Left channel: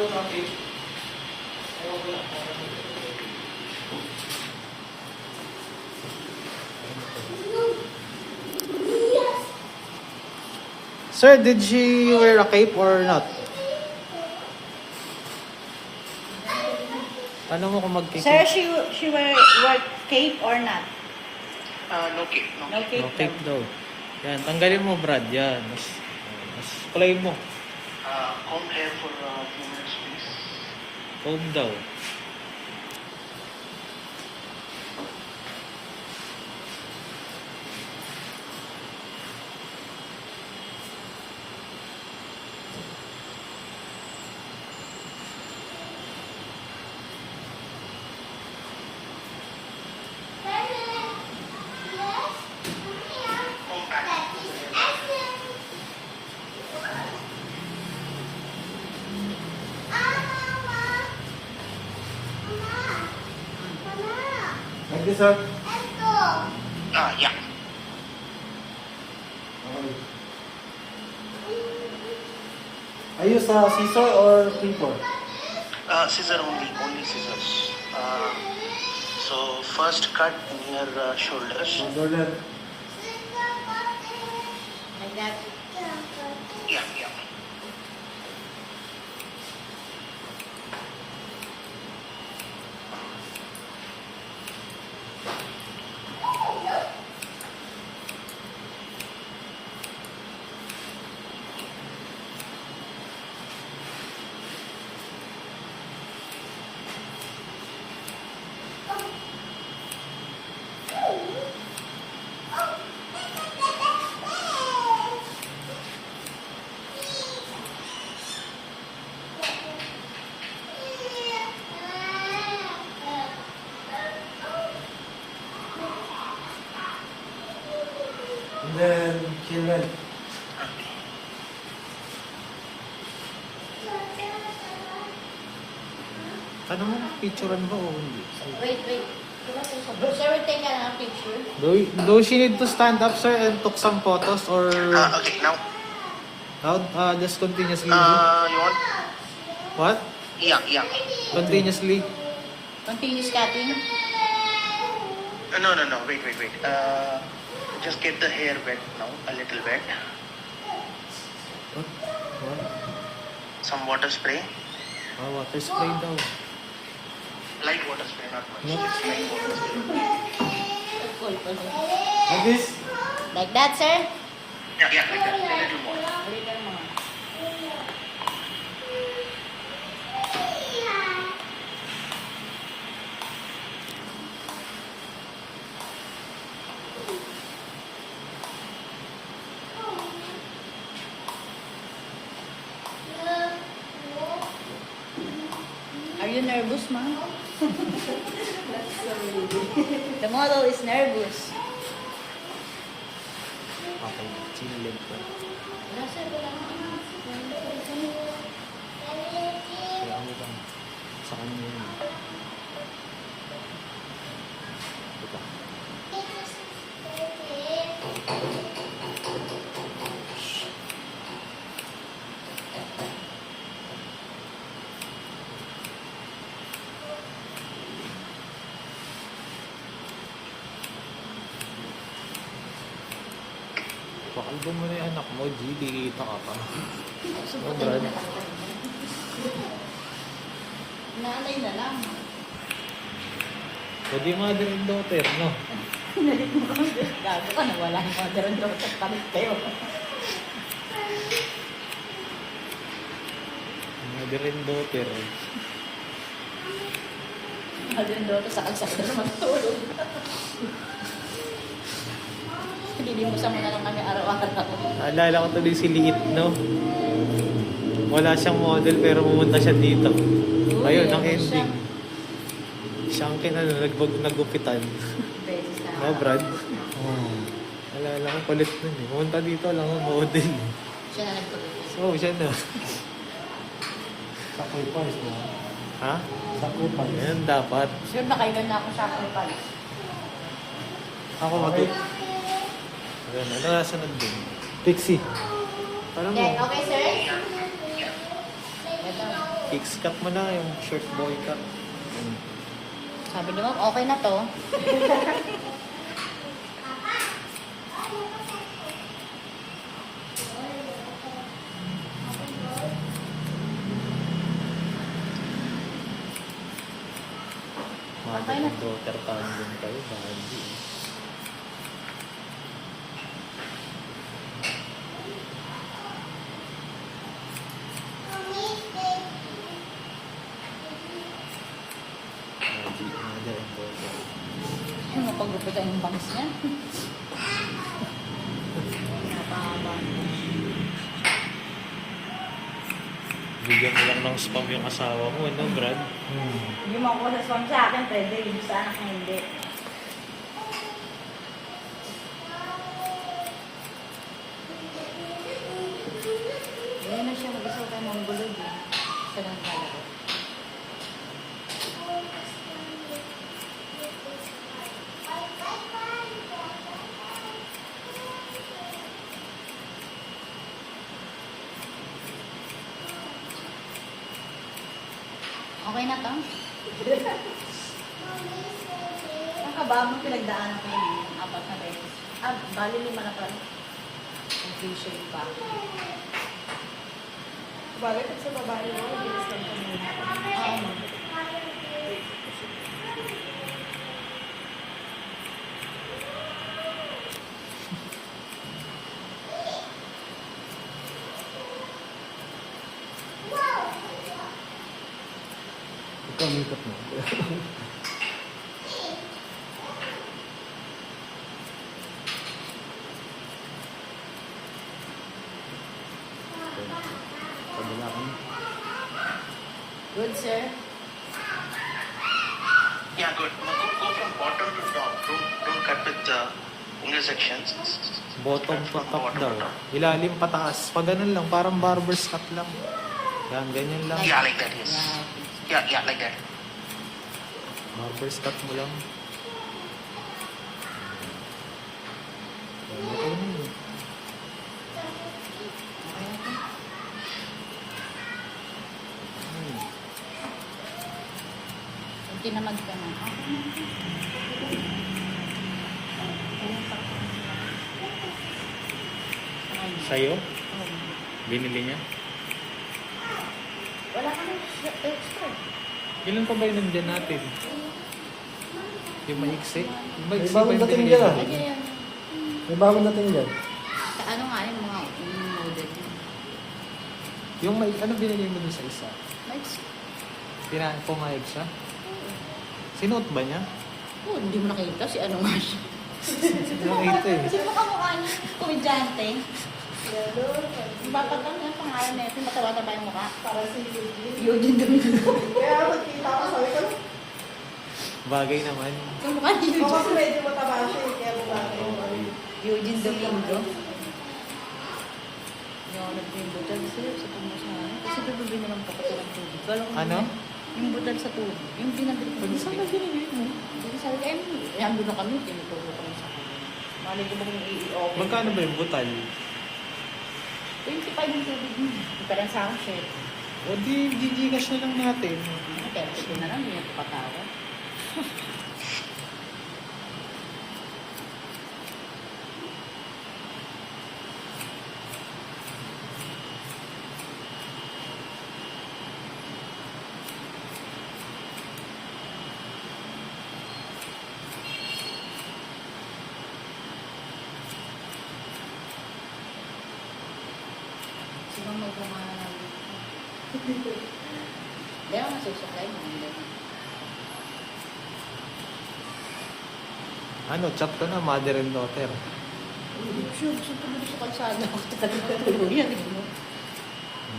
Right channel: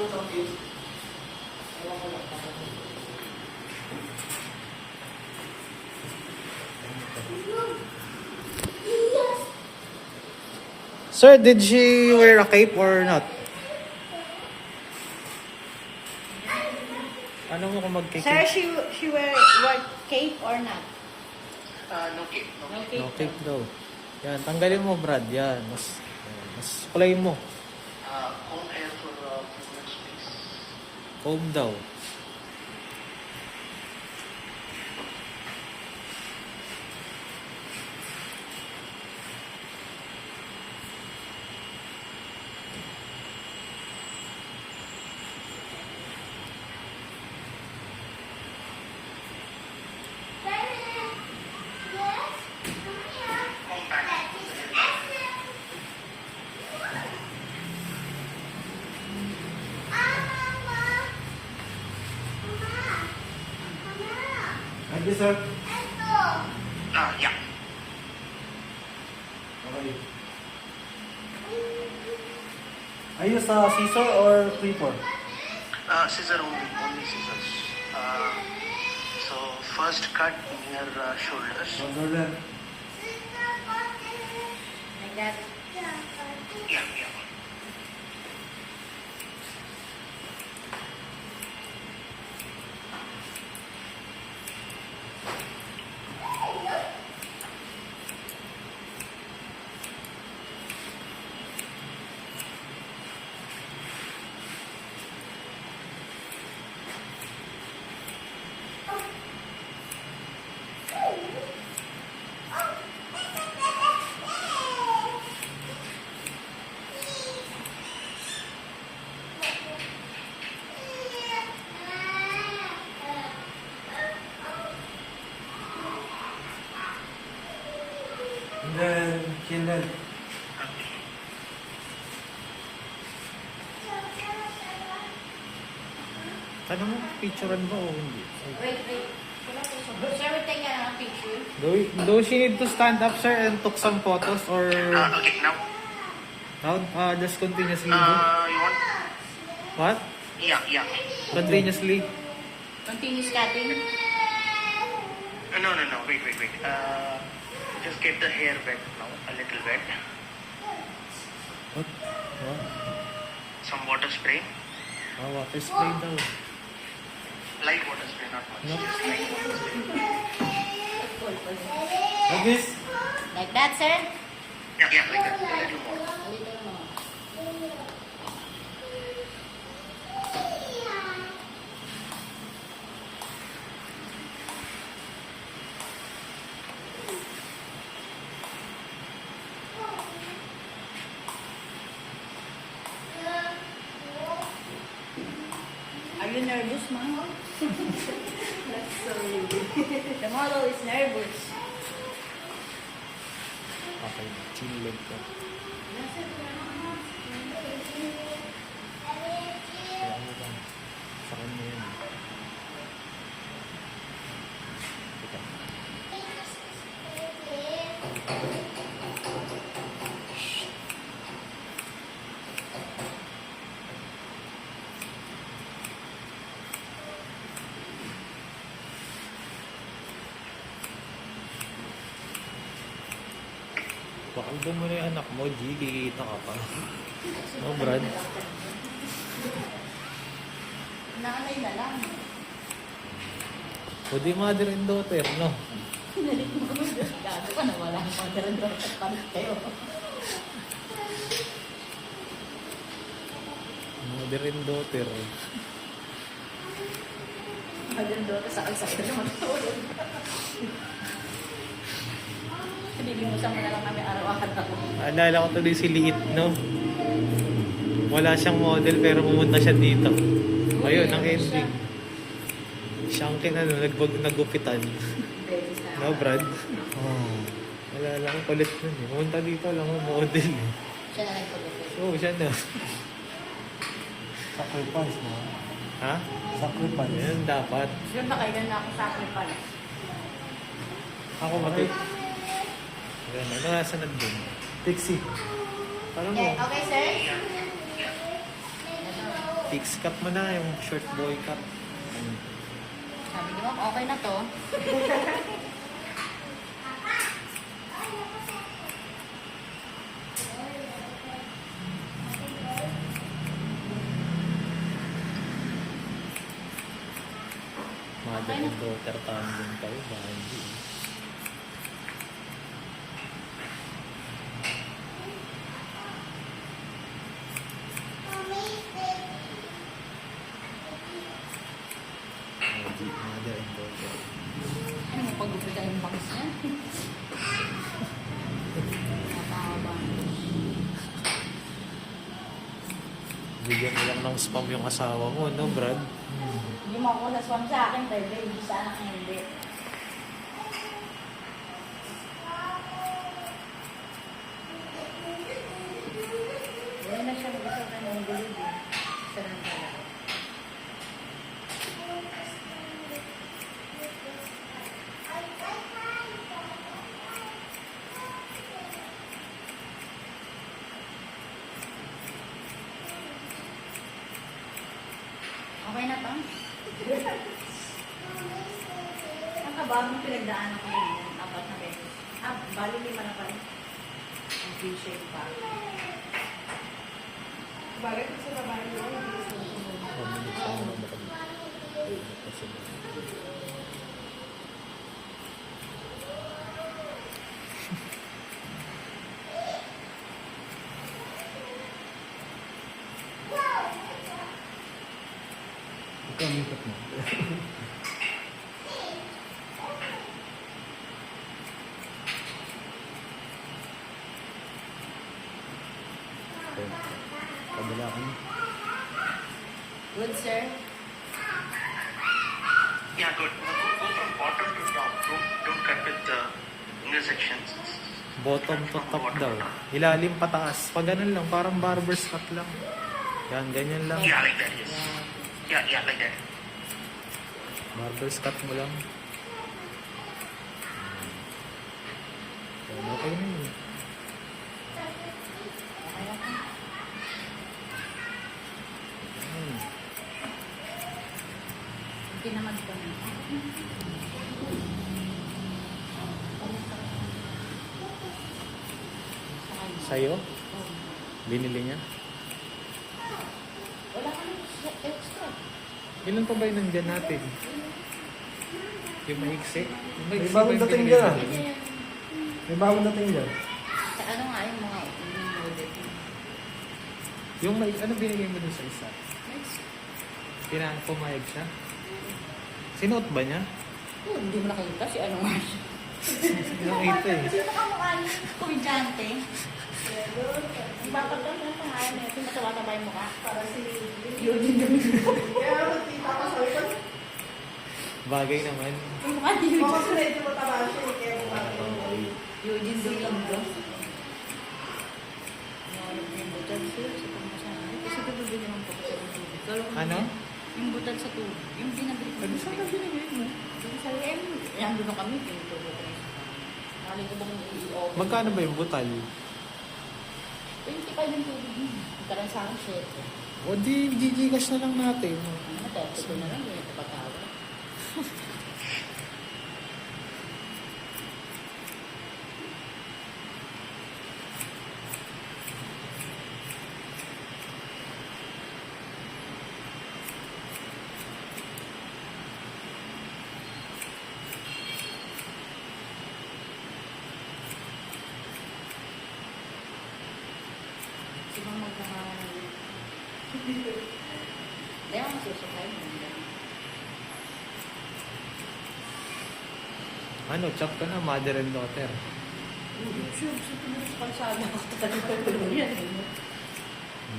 Sir, did she wear a cape or not? Ano mo kung Sir, magkikape? she wear cape or not? No cape. No cape. No cape daw. Yan, tanggalin mo, Brad. Yan, mas kulayin mo. Comb hair for 2 minutes, please. Comb daw. Comb back. Like this, sir. Yeah. Okay. I use scissor or clipper? Scissor only scissors. So first cut near the shoulders. Shoulder. Like that. Yeah. And then, kill it. Ano mo, picturean ba o hindi? Wait. Sir, we take a picture. Do she need to stand up, sir, and took some photos or Okay, now. how? Just continuously do? You want? What? Yeah. Continuously? Continuous cutting. No. Wait. Just get the hair wet now, a little wet. What? Some water spray. Water spray daw. Light water spray, not much. What? Just light water spray. Like this? Like that, sir? Yeah, like that. A little more. Are you nervous, ma'am? The model is nervous. Okay, chilid ka. Kaya ano ba? Sa kanya yan. Teka. Pakalbo mo na yung anak mo, G. Kikita ka pa. No, Brad? Nanay na lang. Pwede mother and daughter, no? Gago ka na, wala na mother and daughter kami kayo. Mother and daughter. Mother and daughter sa agsakit na matulog. Dilimusan mo na lang kami araw-araw. Naalala ko tuloy si Liit, no? Wala siyang model pero pumunta siya dito. Ayun, ang ending. Siya ang nagupitan. No, Brad? Oh. Naalala ko kulit nun eh. Pumunta dito lang ang model eh. Siya na nagpagod. Oo, siya na. Sacrifice mo. Ha? Sacrifice. Ayan, dapat. Yung nakailan na ako sa pala. Ako mag- Ayan, ano nasa nandun? Pixie. Parang mo. Okay, sir? Ito. Fix cut mo na yung short boy cut. Sabi naman, okay na to. Mother and daughter tandem kayo, bandi. Mother and daughter. Ano, pag-gupitan yung bangs niya. Napahaba. Bigyan mo lang ng spam yung asawa mo, no, Brad? Hindi mo ako sa swam sa akin, pwede. Yung sa anak niya, hindi. Ganyan na siya mag-isa ka ng gulog. Siya lang talaga. Okay na to? Nakabamang pinagdaan ako ng 4 na beses. Bali 5 na pala. Ang V-shape pa. Bagay pag sa babae mo, hindi ka sa muna. Ikaw, mikot mo. Kabila ka na. Good, sir. Yeah, good. Now go from bottom to top. Don't cut with the intersections. Bottom to top daw. Ilalim pataas. Pag ganun lang, parang barber's cut lang. Yan, ganyan lang. Yeah, like that, yes. Yeah, like that. Barber's cut mo lang. Yan, okay na yun. Ay, Hindi naman ko na. sa'yo? Binili niya? Wala ka na extra. Ilan pa ba yung nandyan natin? Yung maiksi? Yung May maiksi bagong ba yung dating binigay dyan, mo? Hindi yan. May bagong dating dyan. Ano nga yun mga yung model. Yung may, ano binigay mo dun sa isa? Nice. Pumayag siya? Sinuot ba niya? Oh, hindi mo nakita si ano nga siya. Nakita eh. Sino ka mukha niya? Komedyante. Ipapagkan niya ang pangalan na ito. Matawagan ba yung mukha? Para si Eugene Domingo. Kaya magkita ko sabi ko, Bagay naman. Yung mukha ni oo, kasi Eugene. medyo mataba siya eh, kaya bumati. Eugene Domingo. Yung nagbibutal sila sa tumusan. Kasi bibili naman kapatid ng tubig. Ano? Yung butal sa tubig. Yung binabili ko. Pag saan na binigay mo? Yung sa yan doon kami. Tinutulog ko. Mali ko yung EEO. Magkano ba yung butal? 25 yung tubig. Pero sa akin siya. O di, gigigas na lang natin. Pero siya na lang. Hindi na patawa. Sino may pangalan? Hindi ako nasusukay mo. Ano, chop ka na, mother and daughter. Sure, sa kalsada ko talaga. Yan.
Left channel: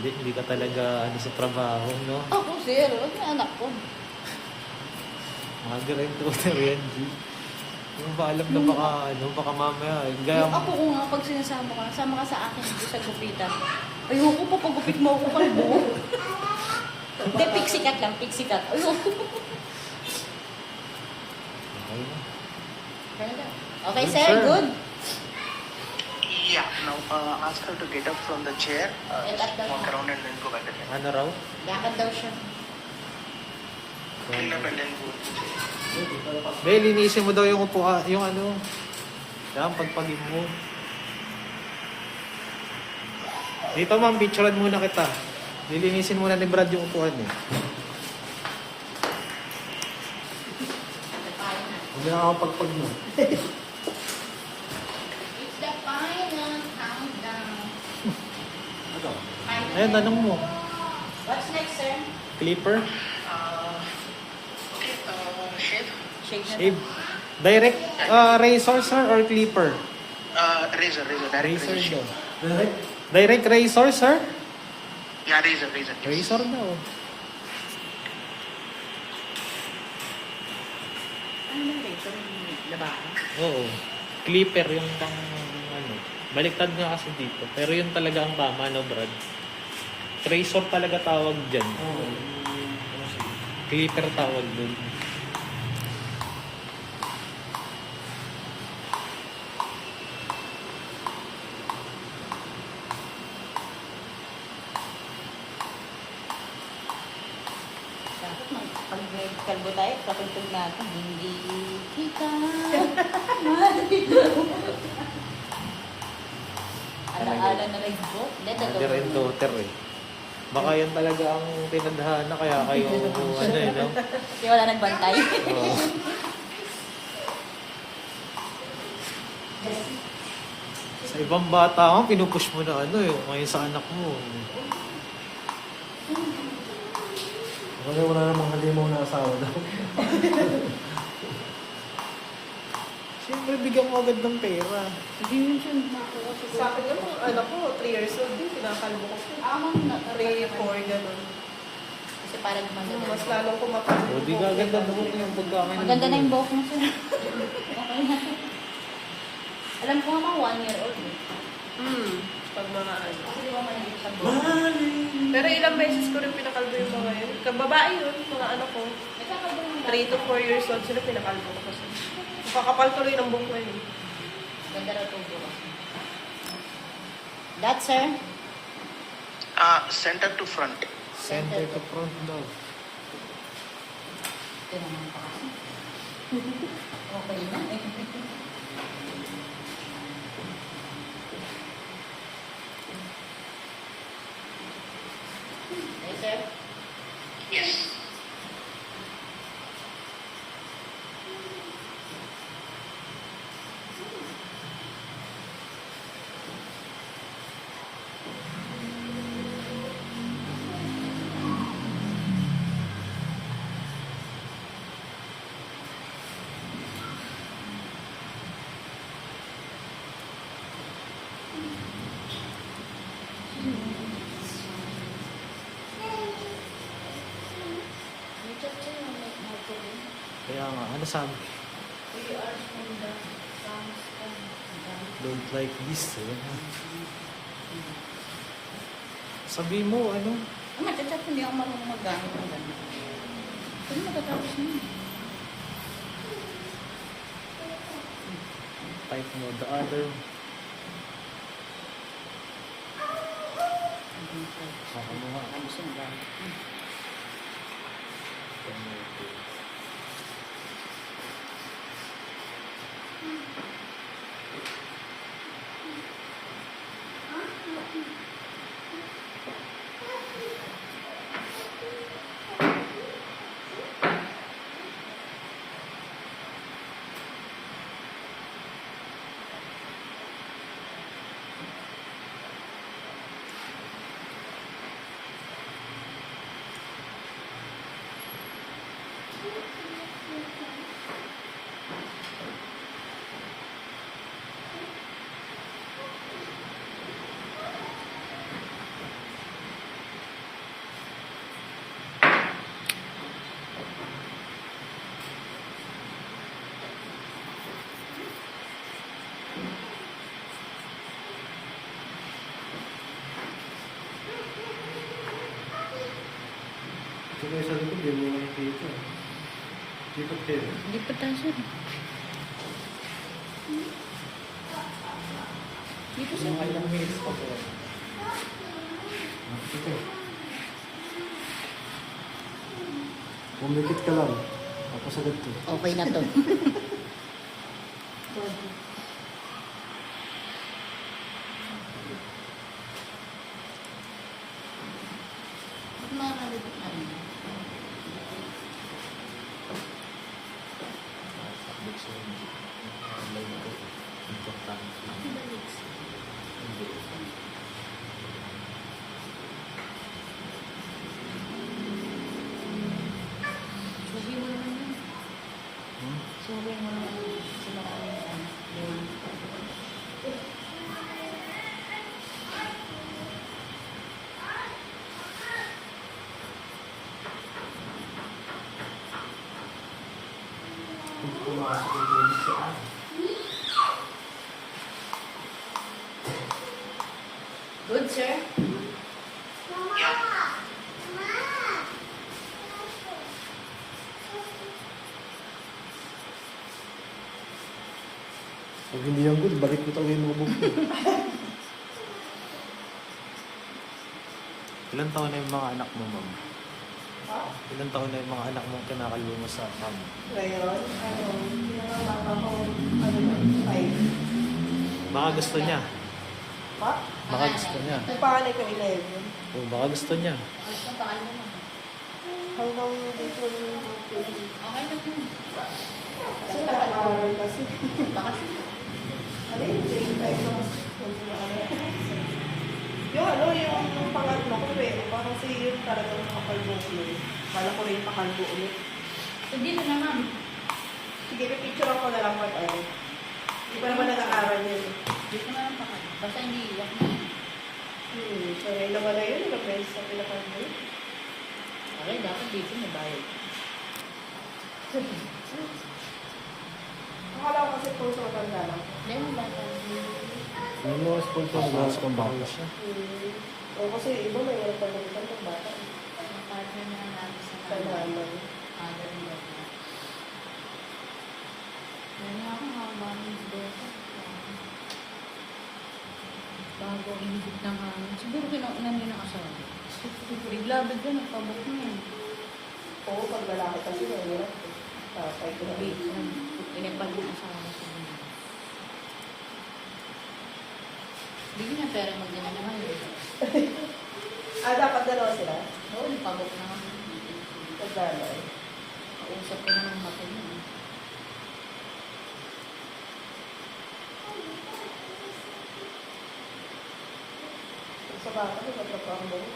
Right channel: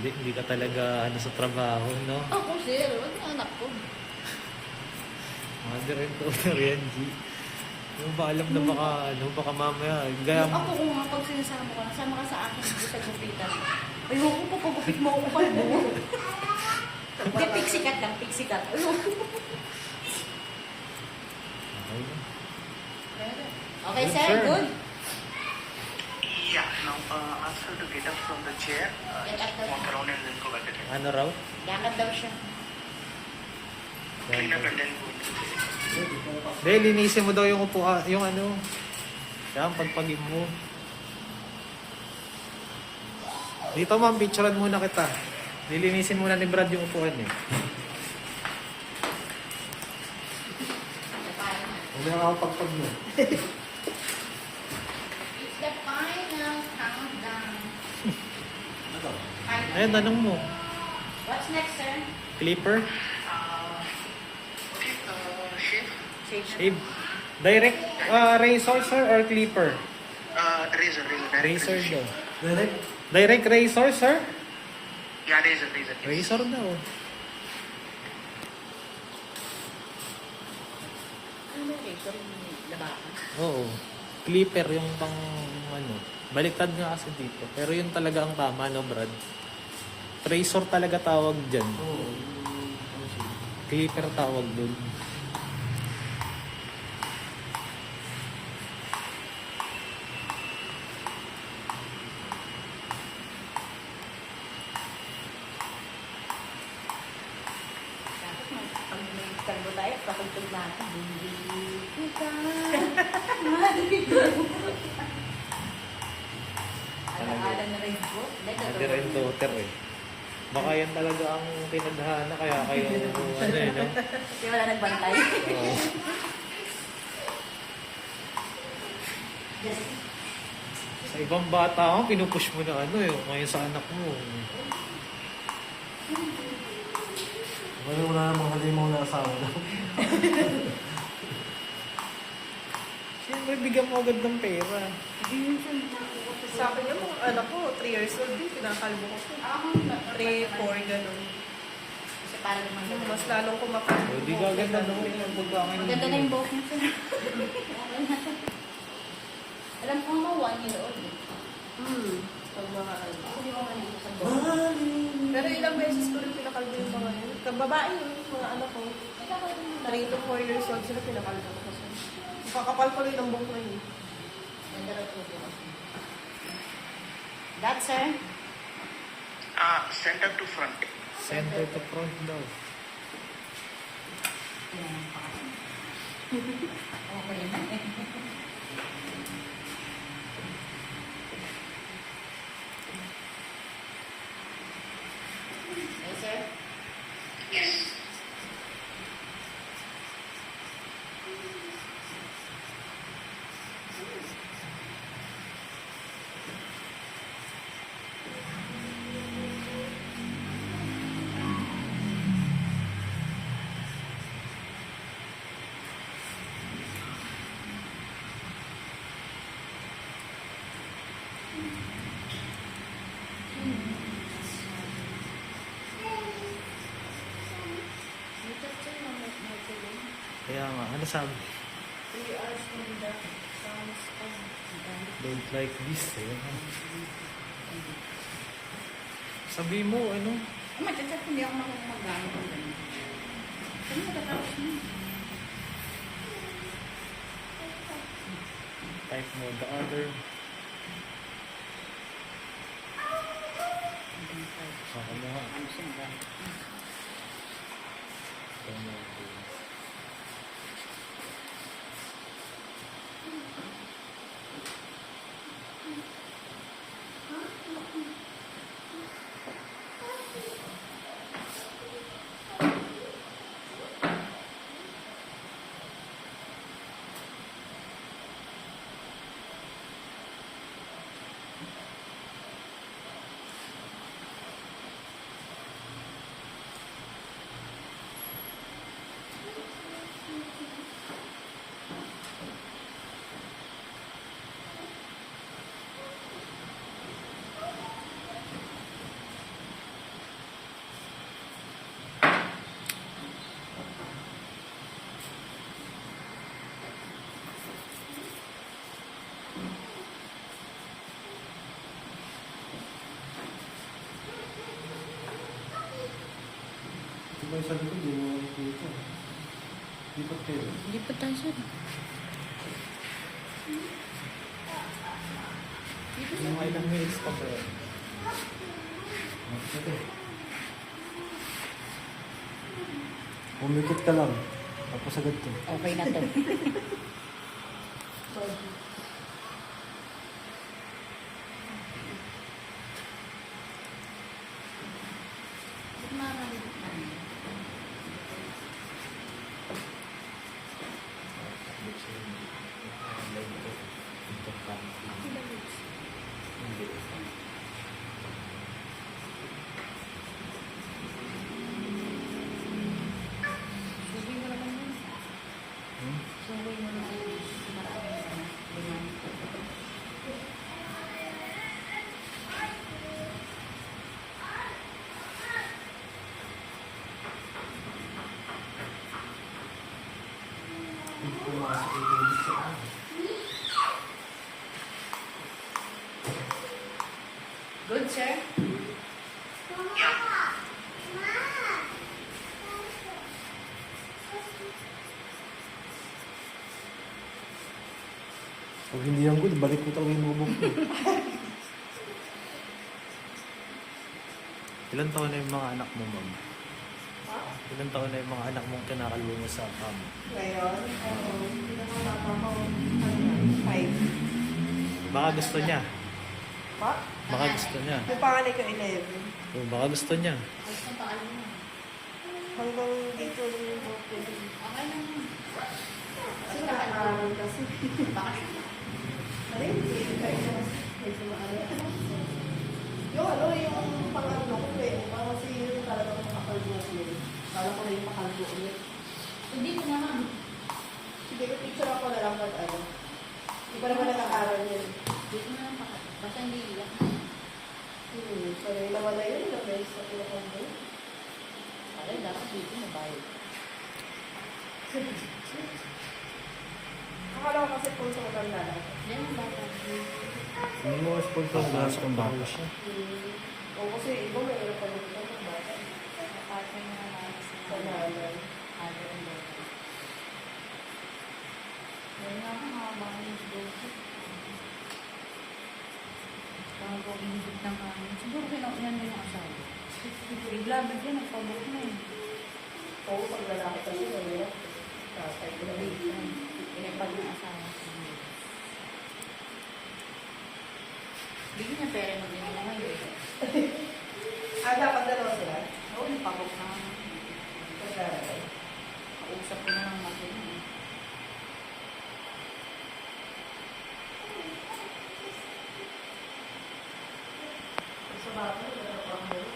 Hindi ka talaga ano sa trabaho, no? Ako, sir. Huwag na anak ko. Mother and daughter yan, G. Yung ba alam na baka mamaya, gaya Yung ako kung pag sinasama ka, nasama ka sa akin dito sa gupitan. Ayoko po, pagupit mo ako kalbo. Hindi, pixie cut lang, pixie cut. Ayoko. Okay na. Okay, sir, Good, sir. good. Yeah, now ask her to get up from the chair, Get up daw walk siya. around and then go back again. Ano raw? Lakad daw siya. Clean up and then go. Be, linisin mo daw yung upuan, yung ano. Yan, pagpagin mo. Dito ma'am, picturean muna kita. Lilinisin muna ni Brad yung upuan eh. Hindi nakakapagpag mo. It's the final countdown. Ano? Final Ayun, tanong mo. What's next, sir? Clipper? Okay, shave. Shave? Direct razor sir or clipper? Razor. Razor daw. Direct? Direct razor sir? Yeah, razor. Razor daw. Ano rin? Labahan. Oo. Clipper yung pang ano. Baliktad nga kasi dito. Pero yun talaga ang tama, no Brad? Razor talaga tawag dyan. Oo. Clipper tawag dun. Pag may kalbo tayo, pakuntog natin. Hindi kita. Ala-ala na rin po. Mother and daughter eh. Baka yan talaga ang pinadhana kaya kayo ano eh, no? Kasi wala nagbantay. Oo. Sa ibang bata ka, pinupush mo na ano eh. Ngayon sa anak mo. Wala namang halimaw na asawa daw. Siyempre, bigyan mo agad ng pera. Hindi yun siya makuha. Sa akin yung mga anak ko, 3 years old din, pinakalbo ko. 3, 4, ganun. Kasi parang naman. Mas lalong kumakalbo. O, di gaganda naman yung pagkain. Ang ganda na yung buhok niya, sir. Alam ko nga 1 year old. Pag mga ano. Kasi di ba maliit sa buhok? Pero ilang beses ko rin pinakalbo yung mga yun. Kababae yun, mga anak ko. 3 to 4 years old sila, pinakalbo ko kasi. Makakapal tuloy ng buhok na yun. Ganda raw itong buhok. That, sir? Center to front. Center to front daw. Okay na eh. Okay, sir? Yes. Dito, sir, may marketing. Kaya nga, ano sabi? 3 hours from the sun's on. Don't like this eh. Sabi mo, ano? Ang matchat hindi ako marunong mag-gamit ng damit. Ano magkatapos niya? Type mo, the other. Saka mo nga. Ano siya ba? Ito yung sa likod, hindi mo makikita. Lipat kayo. Hindi pa tayo, sir. Dito, Ilang minutes pa po? Ito. Pumikit ka lang. Tapos agad to. Okay na to. Subi mo naman yun. Subi mo naman yun. Hindi ko makasok ito ulit sa Good, sir? Pag hindi yan good, balik mo talaga yung lubog ko. Ilan taon na yung mga anak mo, ma'am? Ilan taon na yung mga anak mong kinakalbo mo sa kamo? Ngayon, pinakabata ko, ano na, 5. Baka gusto niya. Pa? Baka gusto niya. Yung panganay ko 11. O, baka gusto niya. Alas ng pakal mo na. Hanggang dito yung Okay lang yun. kasi nakaaral kasi. Baka Ano yun? Yung medyo maano. Yung ano, yung pangatlo ko pero parang si yung talagang makakalbo ulit. Bala ko na yung pakalbo ulit. hindi na naman. Sige, picture ako na lang pag ano. Hindi pa naman nag-aaral yun. Dito na lang pakal. Basta hindi iyak. So, yun naman na yun. Ilang beses na pinakalbo. Okay, dapat dito may bayad. Akala ko kasi kung sa matanda lang. Hindi mo bata. Yung mga sponsor na sa bata. siya. O kasi iba may meron pa naman pag bata. Partner na natin Sa nanay. Mother and daughter. Ayun na ako mga bagay doon. Bago inibig ng hangin. Siguro pinaunan din ang asawa. Bigla yun, nagpabot na eh. Oo, pag lalaki kasi mahirap. Tatay ko na Big yan. Pinagpag ng asawa sa mga. Bigyan niya pera mo din naman yun. dapat dalawa sila. Oo, nagpabot na ako. Pag nanay. Usap ko naman ako yun. Sa bata, nagtatrapaho mo yun.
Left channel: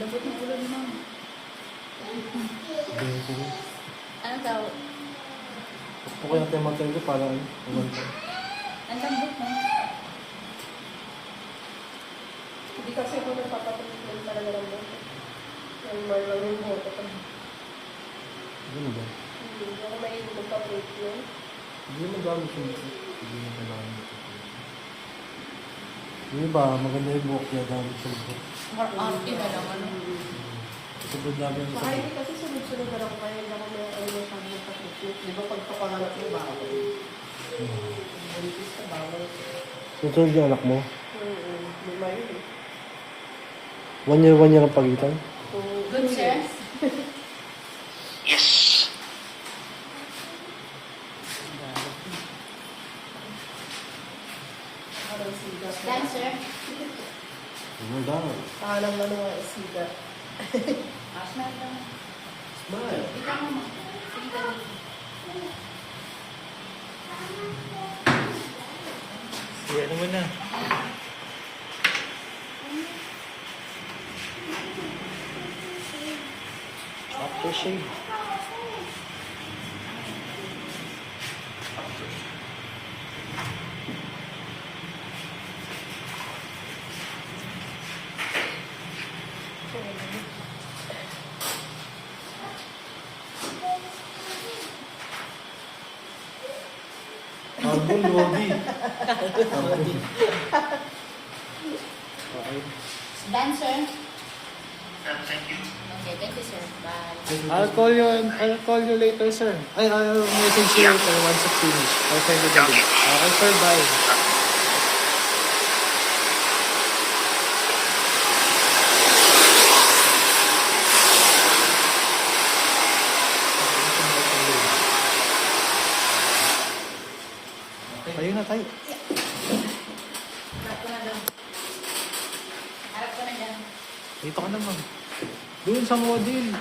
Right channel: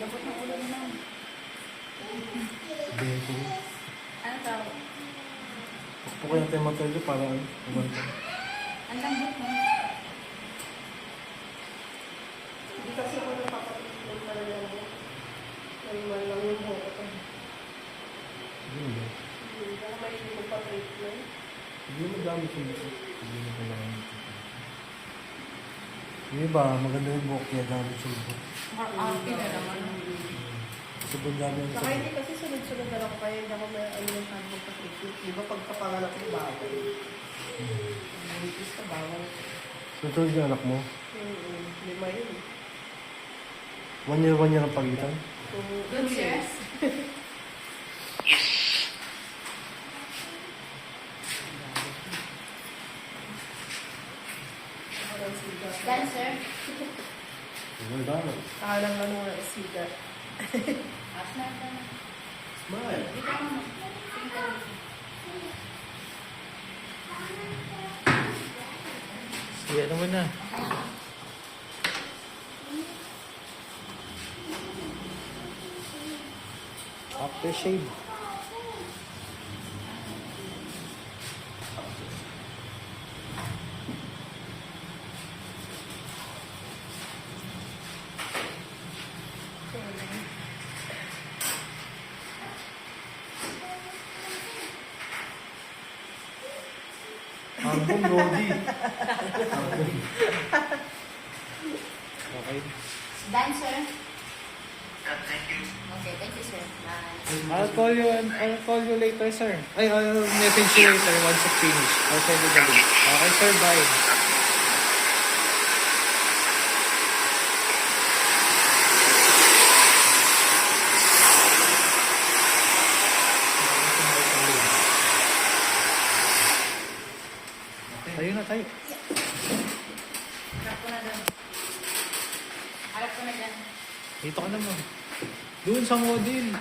Labot na tulad na. Bento. Ano daw? Pakpo kaya tayo matay para umanta. Ang lambot mo. Hindi kasi ako nagpapatuloy talaga ng buto. Yung lang yung buto ko. Ganun ba? Hindi ako may magpa-treatment. Hindi mo dami sa dito. Hindi mo kailangan dito. Yung iba, maganda yung buhok niya gamit sa buhok. Arte na naman. Sobrang dami yung Saka hindi kasi sunod-sunod na lang kaya hindi ako may ano masyado magpa-treatment. Di ba pagkapangalap mo bawal? Buntis ka bawal. Susunod yung anak mo? Lima yun. 1 year ang pagitan? Good, sir. Yes. Parang siga. Dancer. Ang dami. Tahanang ano nga siga. Asma ka na. Smile. Hindi ka mo. Sige ka na. Sige, ano mo na? Aftershave. Album, Lodi. Okay. Dancer. Thank you. Okay, thank you, sir. Bye. I'll call you later, sir. I'll message you later once it's finished. I'll send you the link. Okay, sir, bye. Tayo na tayo. Harap ko na doon. Harap ko na dyan. Dito ka naman. Doon sa model.